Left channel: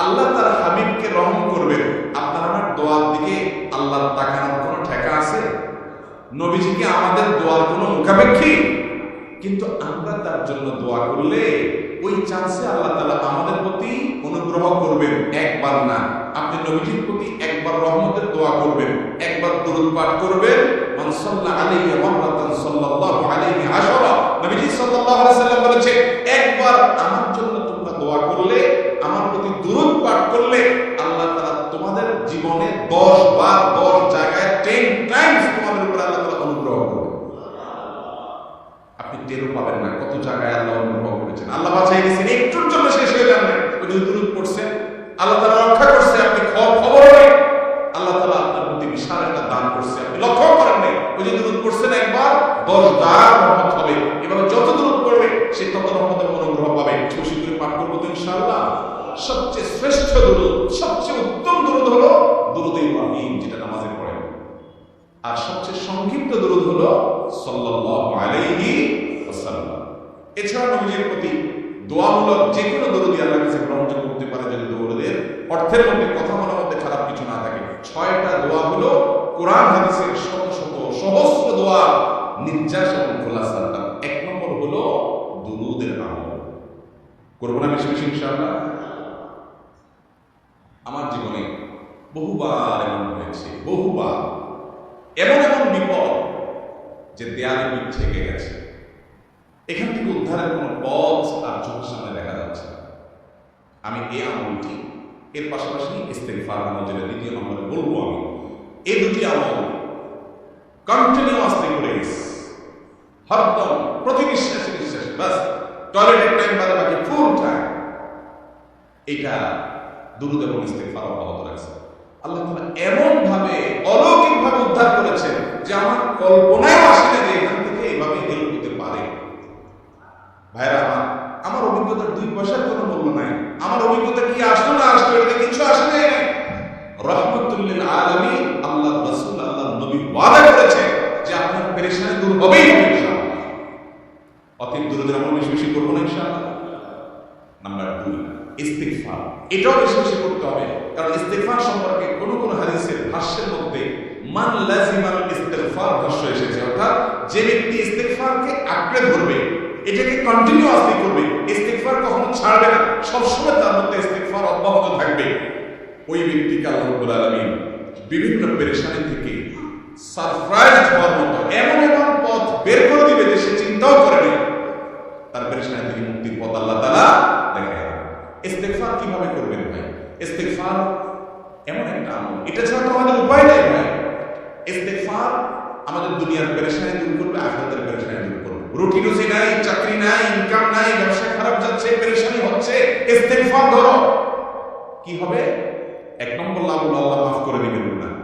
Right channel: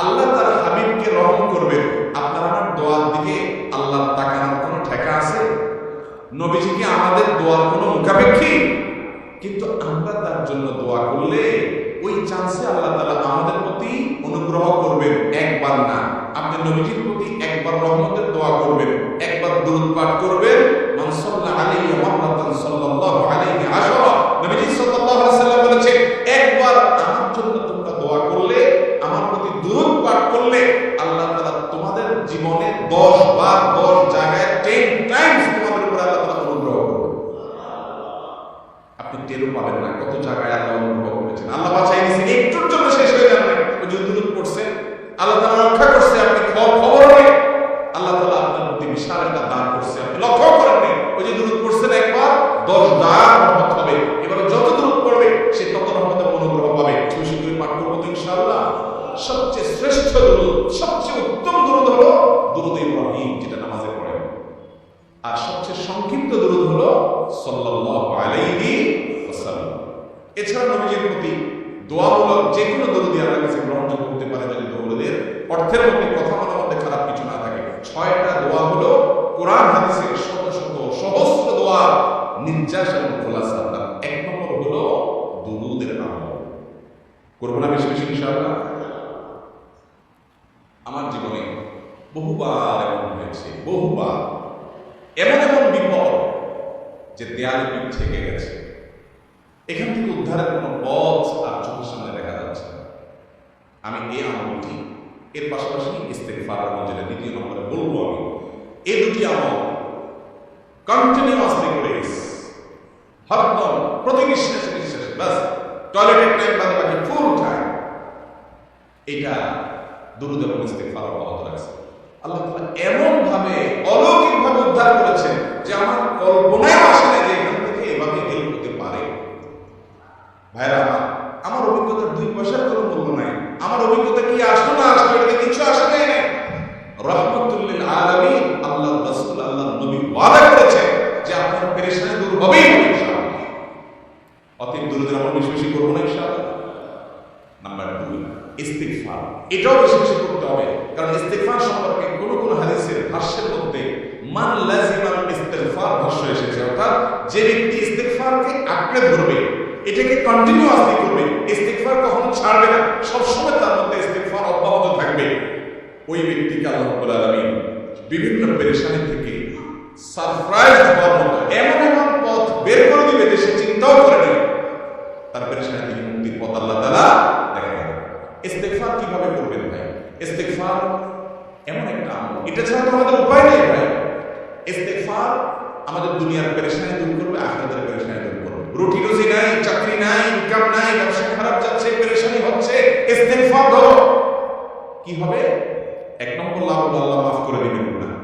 আল্লাহ তার হাবিবকে রহম করবেন। আপনার আমার দোয়ার দিকে আল্লাহর তাকানোর কোনো ঠেকা আছে? নবীজি কি আমাদের দোয়ার কোনো মুখাপেক্ষী? কিন্তু আমরা তার জন্য দোয়া করলে ওই চান্সে আল্লাহ তালা আমাদের প্রতি অনুগ্রহ করবেন। একবার না, আপনি নবীজির প্রতি একবার রহমতের দোয়া করবেন। একবার দূরত পাঠ করবেন। মান সাল্লা আলাইহি মাররাতান সাল্লাল্লাহু আলাইহি আশরা। নবীজি সাল্লাল্লাহু সাল্লাম বলেছেন, একবার আমার জন্য তোমরা দোয়া করলে আমার প্রতি দূরত পাঠ করলে আল্লাহ তাআলা তোমাদের জীবনে 10 বার 10 জায়গায় 10 টাইমস তোমাদের উপর আল্লাহ তাআলা অনুগ্রহ করবেন আপনি টেরও পাবেন না কত জায়গায় আল্লাহ অনুগ্রহ করেছেন। আল্লাহ বাঁচাই দিয়েছেন, একটুর জন্য শেষ হয়ে যান নাই। ওই যে দূরত পড়ছেন আল্লাহ তালা রক্ষা করছে, আপনি খবর নেই। আল্লাহ তালা আপনার প্রতি বিশাল একটা দান করছে, আপনি লক্ষ্য করেন নেই। ওই যে দূরত পড়ছেন একবার, দশ দার রহমত হবে। এভাবে যত দূরত পড়বে সে তত রহমত এবং অনুগ্রহ পাবে। বেশি করে পাঠ করব তো ইনশাল্লাহ সবচেয়ে শ্রেষ্ঠ দুরুদ, সবচেয়ে উত্তম দুরুদ হলো দুরুদ ইব্রাহিম, যেটা নামাজে পড়েন আর সবচেয়ে সংক্ষিপ্ত দরুদ হলো সাল্লাল্লাহু আলাইহি ওয়াসাল্লাম। এছাড়া নবীজির প্রতি দোয়ামূলক যে কোনো দরুদি আল্লাহর কাছে হতে পারে যদি দৌড়দের অর্থের মধ্যে, কথা মনের মধ্যে খারাপ কিছু না থাকে। ছয়টা দোয়া হলো কোরআন, হাদিসের শত শত সহস্র দোয়া, নির্যাস এবং খোলাসা তার এক নম্বর হলো দুরুদের আমল। করব না বেশি বেশি, ইনশাআল্লাহ? আমার জীবনে বহুবার এমন হয়েছে, বহুবার। এমন এমন বিপদ যে দেয়ালে পিঠ থেকে গেছে। এখান থেকে উদ্ধারের কোনো পথ আর চোখের সামনে দেখা যাচ্ছে আমি এই আমলটি এর পাশাপাশি ইস্তেকফার আমল যেটা দ্বিতীয় নম্বরে বলব আমি এই দুটি আমল কন্টিনিউয়াসলি করে গেছি হরদম, প্রতি নিঃশ্বাসে নিঃশ্বাসে, বাস। টয়লেটের টাইম বাদে বাকি ফুল টাইম এটা দুরুদ এবং ইস্তেকফার অব্যাহত রাখছে। আল্লাহ তাআলা এমন ভাবে অলৌকিক ভাবে উদ্ধার করেছেন যে আমার কল্পনায় আসে না যে এখান থেকে এভাবে হেল্প হতে পারে। ভাইরা আমার আমার অভিজ্ঞতার দুই পয়সার কোনো মূল্য নাই। আমার অভিজ্ঞতা কি আসলো না আসলো এটাতে কিছু আসে যায় নাই রহমতুল্লিল আলামিন আল্লাহ রাসূল আল্লাহ নবী ওয়াদা করেছেন যে আপনার পেরেশানি দূর হবেই হবে অতীব দূরদের আমরা বেশি বেশি করব না, ইনশাআল্লাহ। নাম্বার দুই ইস্তিগফার। এটাও বেশি বেশি করতে হবে। কারণ ইস্তিগফার সম্পর্কে কোন কোন হাদিসের ভাষ্যের মধ্যে মান লাজিমাল ইস্তিগফার ভাষ্য এসেছে। অর্থাৎ যে ব্যক্তি ইস্তিগফারকে আঁকড়ে ধরবে, এটাকে কন্টিনিউয়াসলি করবে, ইস্তিগফার কখনো ছাড়বে না। সবসময় তার মধ্যে ইস্তিগফার অব্যাহত থাকবে। ওই ব্যক্তিকে আল্লাহ আলামিন বিভিন্ন পেরেশানি থেকে সারপ্রাইজ হওয়ার মতো এমন এমন পথ বের করে দিবে যে সে চিন্তাও করে নেই। তার পেরেশানি থেকে মুক্তির পথ আল্লাহ তালা দেখাই দেবে ইস্তেকফার কীভাবে করবেন ভাই? ইস্তেকফার এমন একটা আমল। এটা ছাড়া তো আমাদের উপায় নেই ভাই। ইস্তেকফার আমাদের দুনিয়ার পেরেশানি দূর করবে, আখরাতের পেরেশানি দূর করবে। রুটি রুজি নাই, চাকরি নাই, ইনকাম নাই, ব্যবসা খারাপ যাচ্ছে, পেরেশানি হচ্ছে। ইস্তেকফার ধরো। কি হবে? এক নম্বর লাভ আল্লাহ মাফ করে দিবেন না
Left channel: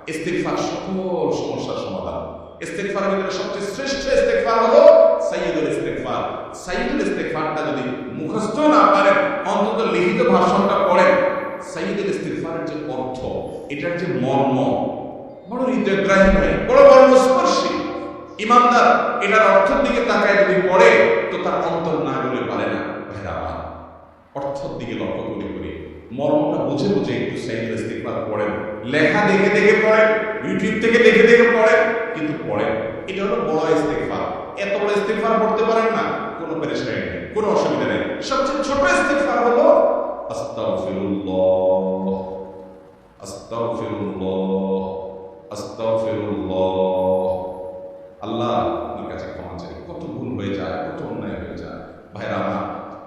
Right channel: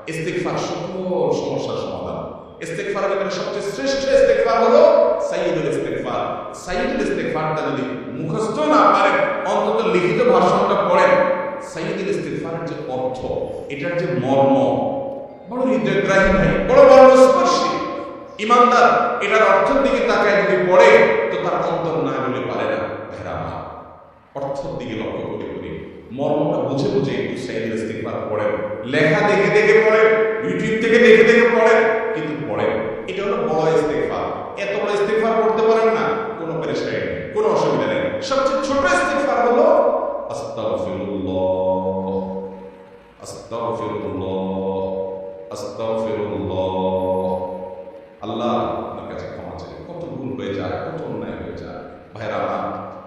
আমার ইস্তেগফার সকল সমস্যার সমাধান। ইস্তেগফারের ভিতরে সবচেয়ে শ্রেষ্ঠ ইস্তেগফার হলো সাইয়্যিদুল ইস্তেকফার সাইয়্যিদুল ইস্তেগফারটা যদি মুখস্থ না পারেন, অন্তত লিখিত ভাষণটা পড়েন সাইয়দুল ইস্তেকফারের যে অর্থ, এটার যে মর্ম, বড় হৃদয়গ্রাহী ভাই, বড় মর্মস্পর্শী। ইমানদার, এটার অর্থের দিকে তাকায় যদি পড়ে, তো তার অন্তর না গলে পারে না, ভাইরা আমার। অর্থের দিকে লক্ষ্য করে করে মর্মটা বুঝে বুঝে একটু সাইদুল ইস্তিগফার পড়েন। লেখা দেখে দেখে পড়েন ইউটিউব থেকে দেখে দেখে পড়েন, কিন্তু পড়েন। এটা হলো বড় ইস্তেগফার। এত বড় ইস্তেগফার পড়তে পারেন না, কোনো পেরেশানি নেই, কোনো অসুবিধা নেই। সবচেয়ে ছোট ইস্তেগফার হলো আস্তাগফিরুল্লাহ। আস্তাগফিরুল্লাহ। আস্তাগফিরুল্লাহ। আল্লাহ আপনার কাছে ক্ষমা চাই। কত ভুল হয়ে যায়, কত অন্যায় হয়ে যায়। ভাইরা আমার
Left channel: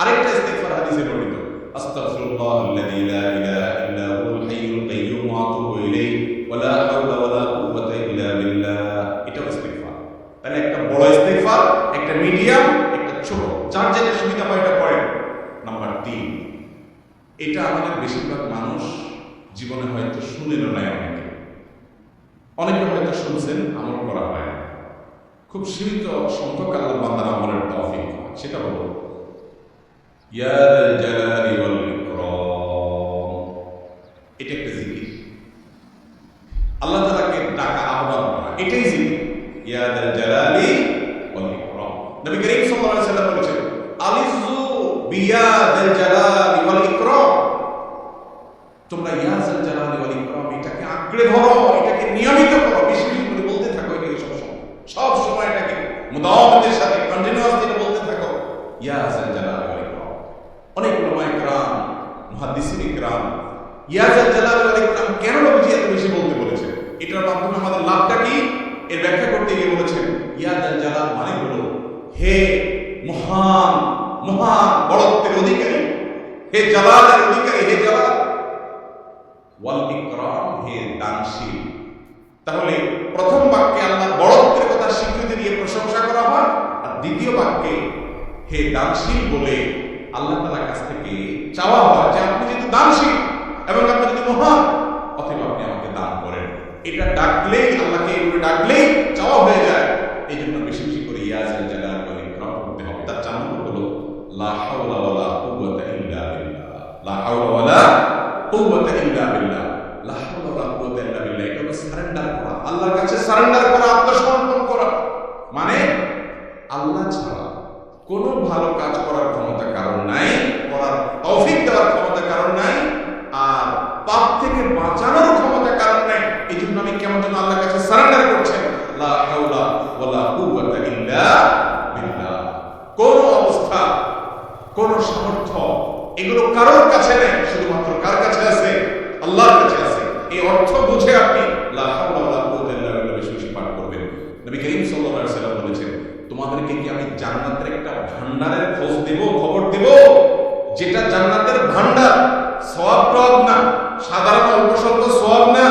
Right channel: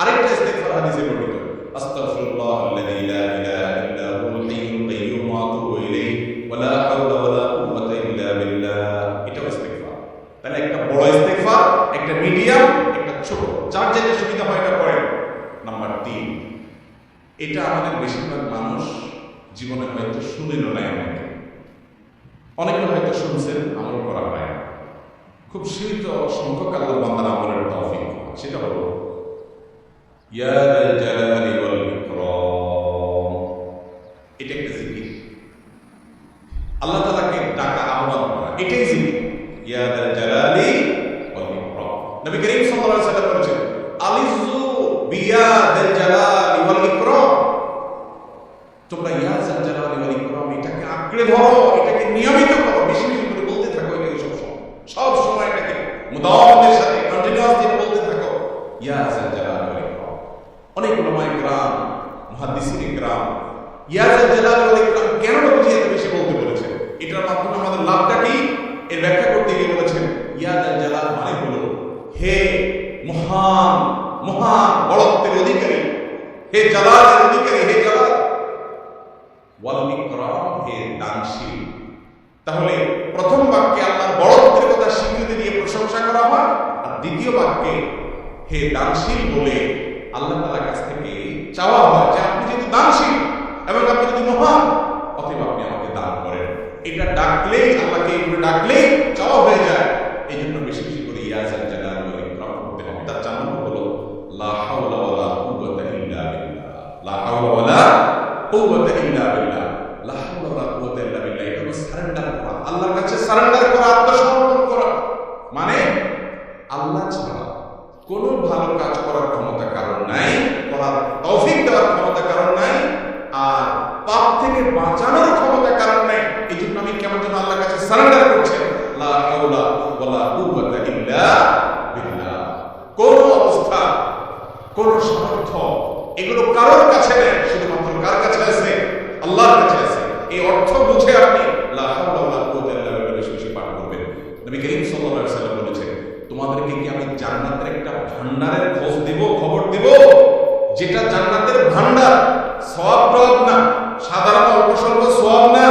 আরেকটা ইস্তেগফার হাদিসে বর্ণিত, আস্তাগফিরুল্লাহ আল্লাযী লা ইলাহা ইল্লা হুয়াল হাইয়ুল কাইয়্যুম ওয়া আতুবু ইলাইহি, ওয়া লা হাওলা ওয়া লা কুওয়াতা ইল্লা বিল্লাহ। এটাও ইস্তেগফার। তাহলে একটা বড় ইস্তেগফার, একটা মিডিয়াম, একটা ছোট, যার যেটা সুবিধা হয় এটা পড়েন। নাম্বার তিন, এটা আমাদের বেশিরভাগ মানুষ জীবনে হয়তো শুনেন নাই অনেকে। অনেকে হয়তো শুনছেন, আমল করা হয় খুব সীমিত সংখ্যক আল্লাহ বান্দার আমলের তৌফিক। সেটা হলো ইয়াদাল জালালি এটা একটা আল্লাহ তাআলাকে ডাকা আহ্বান করা, এটাই জিকির। ইয়াদাল জালালি বলেছেন আলিজু জালালি ইকরাম। তোমরা ইয়াজাল জালালি ওয়াল ইকরাম, এটাকে আঁকড়ে ধরো, এটাকে নিয়মিত করো, বেশি বেশি করে বলতে থাকো এটাকে সব সময়। সব সময় এটাকে মুদাওয়াতের সাথে কন্টিনিউয়াসলি বলতে থাকো। ইয়াজাল জালালি অনেক লমায় গ্রাম মহাদিসিন গ্রাম ইয়াজা জালাল আল ইকরাম কেন নবীজি এত বেশি বলতে বলেছেন? এটার মাধ্যমে আমাদের লাভটা কি? এর ব্যাখ্যা করতে গিয়ে বলেছেন ইয়াজাল জালাল মানে হলো হে মহান মহান বড়ত্বের অধিকারী, হে জালালের অধিকারী, হে জালাল। ওয়াল ইকরাম, হে দানশীল। তাহলে প্রথম বাক্যে আল্লাহর বড়ত্বের কথা স্বীকৃতি দিয়ে প্রশংসা করা হয়, আর দ্বিতীয় বাক্যে হে দানশীল বলে আল্লাহ তালার কাছ থেকে চাওয়া হয় যে আপনি যেহেতু দানশীল এবং আপনি যদি মহান, অতএব আপনি আমাকে দান করেন। এটা ডাকলেই, আল্লাহকে এগুলো ডাকলেই চাওয়া হয়ে যায়। এই জন্য বেশি বেশি করে ইয়াজাল জালাল ওয়াল ইকরাম করতে হবে। তার চার নম্বর হলো, লা হাওলা ওয়ালা কুওয়াতা ইল্লা বিল্লাহ। লা হাওলা ওয়ালা কুওয়াতা ইল্লা বিল্লাহ। লা হাওলা ওয়ালা কুওয়াতা ইল্লা বিল্লাহ। এটা হলো সারেন্ডার করা। আল্লাহর কাছে সারেন্ডার করা, আত্মসমর্পণ করা। মানে আল্লাহ ছাড়া কোনো ভালো কাজ করার ক্ষমতা কারণ নাই, করার তৌফিক দেওয়ার ক্ষমতা কারণ নাই, আর পাপ থেকে বাঁচানোর ক্ষমতা কারণ নাই। এই জন্য আমি কেমন যেন আল্লাহর কাছে সারেন্ডার করছেন। লা হাওলা ওয়ালা কুওয়াতা ইল্লা বিল্লাহ। কোন অবস্থা, কোন সামর্থ্য এগুলো কারোর কাছে নেই, শুধুমাত্র কার কাছে আছে? আল্লাহর কাছে আছে। এই অর্থ বুঝে আপনি লা হাওলা ওয়ালা কুওয়াতা ইল্লা বিল্লাহ বেশি বেশি পাঠ করবেন। নবী করিম সাল্লাল্লাহু আলাইহি সাল্লাম বলেছেন তোমাদেরকে কি আমি জান্নাতের একটা ভান্ডারের খোঁজ দেব, খবর দেব? যেটা জান্নাতের ভান্ডার সব টব না, সাধারণ অল্প স্বল্প সওয়াব না,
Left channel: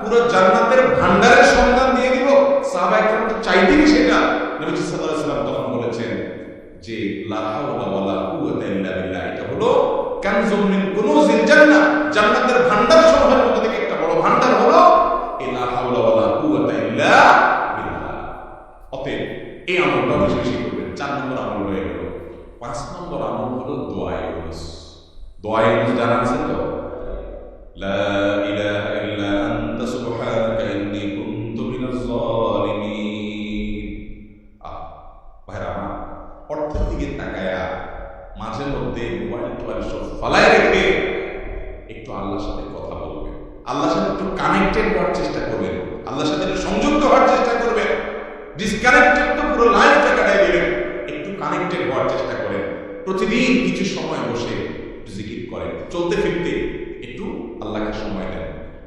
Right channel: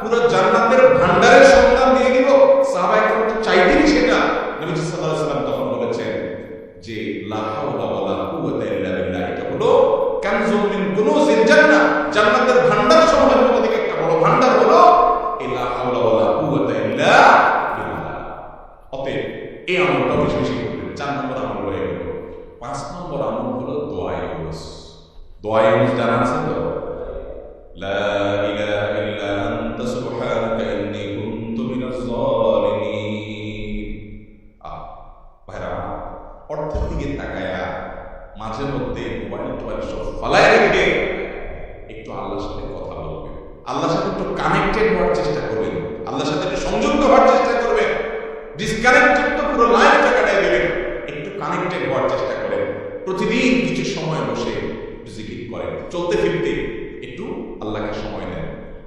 পুরো জান্নাতের ভান্ডারের সন্ধান দিয়ে দিব। সাহাবা একরাম তো চাইতেনই সেটা? নবীজি সাল্লাল্লাহু আলাইহি তখন বলেছেন যে, লা হাওলা ওয়ালা কুওয়াতা ইল্লা বিল্লাহ। এটা হলো কানজুম মিন কুনুজিল জান্নাহ। জান্নাতের ভান্ডার সমূহের মধ্যে থেকে একটা বড় ভান্ডার হলো এই লা হাওলা ওয়ালা কুওয়াতা ইল্লা বিল্লাহ। অতএব এই আমলটা বেশি বেশি করবেন চার নম্বর আমল হয়ে গেল। পাঁচ নম্বর আমল হলো দোয়া ইউনুস। দোয়া ইউনুস জানা আছে তো? লা ইলাহা ইল্লা আনতা সুবহানাকা ইন্নী কুনতু মিনাজ জালিমিন আহ অর্থের দিকে তাকায়া মাঝে মধ্যে মোবাইল টোবাইল সব ফালায় রেখে একটু আল্লাহর সাথে কথা বলবেন। আল্লাহর সাথে একটু কানেক্টেড হওয়ার চেষ্টা করবেন। আল্লাহর সাথে একটু সংযুক্ত হওয়ার চেষ্টা করবেন। ডিসকানেক্টেড তো পুরো লাইফটা কাটাই দিলেন একটু কানেক্টেড হওয়ার চেষ্টা করেন প্রতিদিন কিছু সময় বসে জিকির করেন। চলতে ফিরতে একটু আল্লাহকে সময় দেন।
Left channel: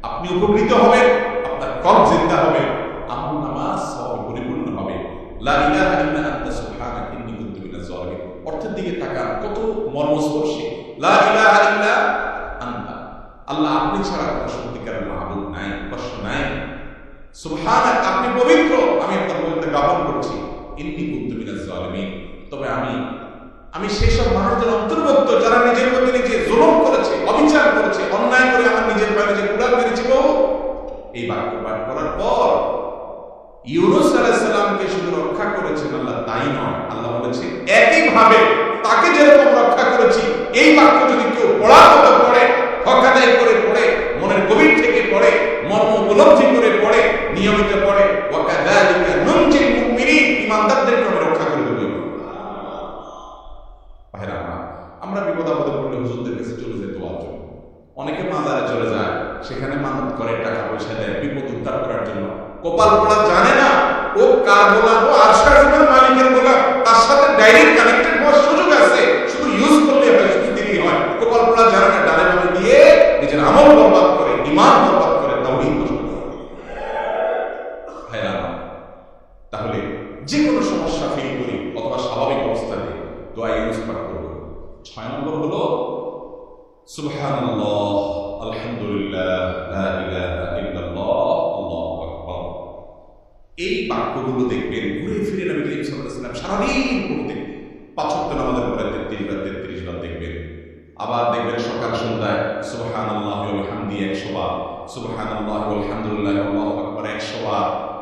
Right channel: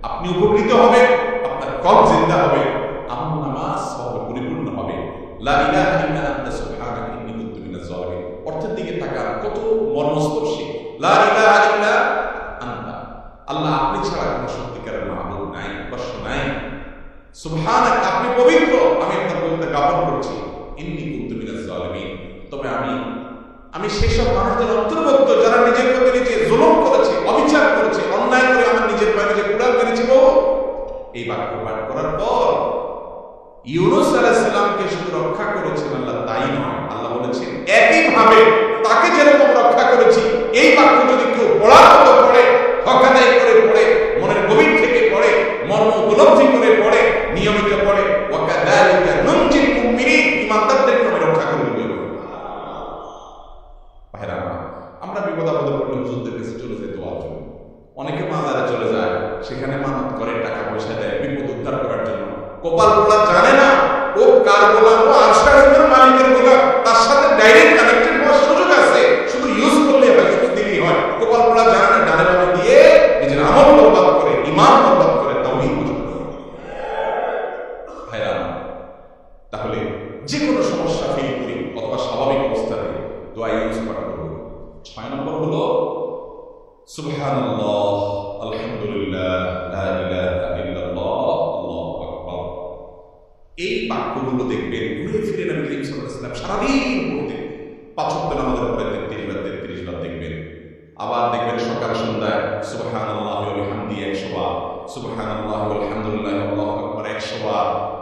আপনি উপকৃত হবেন, আপনার কল জিন্দা হবে আমল নামাজ হবে পরিপূর্ণ হবে। অর্থের দিকে তাকান, কত মর্মস্পর্শী। আল্লাহ আপনি ছাড়া কোনো সত্যিকারের মাহবুব নাই কষ্ট নাই। সুবহানাক, আপনি পবিত্র। আমি আপনার পবিত্র জ্ঞাপন করছি। ইন্নি কুন্তু মিনাজ জালিমিন। তবে আমি আমি সেসব মানুষদের অন্তর্ভুক্ত যারা নিজের প্রতি নিজে জুলুম করেছে, অবিচার করেছে, অন্যায় করে আমার নিজের পায়ে নিজে কুড়াল মেরেছি বহু। এই বাক্য পাঠ করার পর ইউনুস আলাইসাল্লামকে শুধু রক্ষা করেছেন আল্লাহ, তাই নয়। আল্লাহ বলেছেন একইভাবে তাকে যেরকম রক্ষা করেছি, এই বাক্য যদি কেউ পড়ার মতো পড়ে হকাদাই করে পড়ে মনের গভীর থেকে পড়ে মর্ম উপলব্ধি করে পড়ে নিয়মিত পড়ে ওয়াকাদালিকা নুনজিল মুমিনিন ইমানদারদেরকে আমি রক্ষা করে দেব ভাইরা আমার আমরা বিপদ আপদে পড়লে হুজুরদের কাছে চলে যাই দোয়ার জন্য অনেকে মাজারে চলে যায়, সেখানে মানত করে, টাকা পয়সা দেয়, বিপদ উদ্ধার করার জন্য। কপাল পোড়া জানে না, ও কার গোলাম, ও আরশাজমের মালিকের গোলাম, তার সাথে ডাইরেক্ট কানেক্টেড হওয়ার সুযোগ আছে। শুধু ইউজ করলে হয়, শুধু দিলেই হয়। কপাল পোড়া জানে না, ডানে বামে দিয়ে নিজের আমল বরবাদ করে ইমান বরবাদ করে তাওহীদ নষ্ট করে। তাহলে যে কোনো সমস্যা ফিল করি অথবা স্বাভাবিক অবস্থাতে দোয়া ইউজ পাঠ করব। ছয় নম্বর হলো আলহামদুলিল্লাহ, লা ইলাহা ইল্লাল্লাহ, আল্লাহু আকবার। এই বাক্যগুলো দেখবেন, ঘুরে ফিরে নবী করিম সাল্লাল্লাহু সারাদিন পড়তেন পাঁচ ওয়াক্ত নামাজের পরে 33 বার 33 বার দেখবেন। আবার দেখবেন সকাল সন্ধ্যায়, সুবহানাল্লাহি ওয়া বিহামদি 100 বার, সুবহানাল্লাহি ওয়া আলহামদুলিল্লাহ আল্লাহু আকবার 100 বার।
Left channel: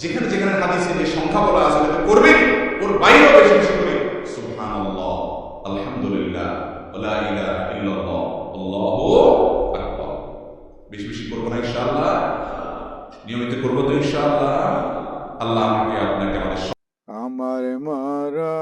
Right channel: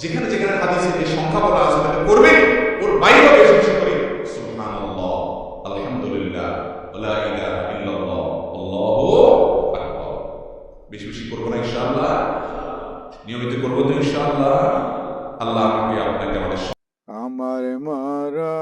যেখানে যেখানে হাদিসে যে সংখ্যা বলা আছে তাতে করবেন ওর বাইরেও বেশি বেশি করে। সুবহানাল্লাহ, আলহামদুলিল্লাহ আল্লাহ আকবার। বেশি বেশি করব না ইনশাআল্লাহ। নিয়মিত করব তো ইনশাআল্লাহ। আল্লাহ আমাকে আপনাকে আমাদের আমার মারা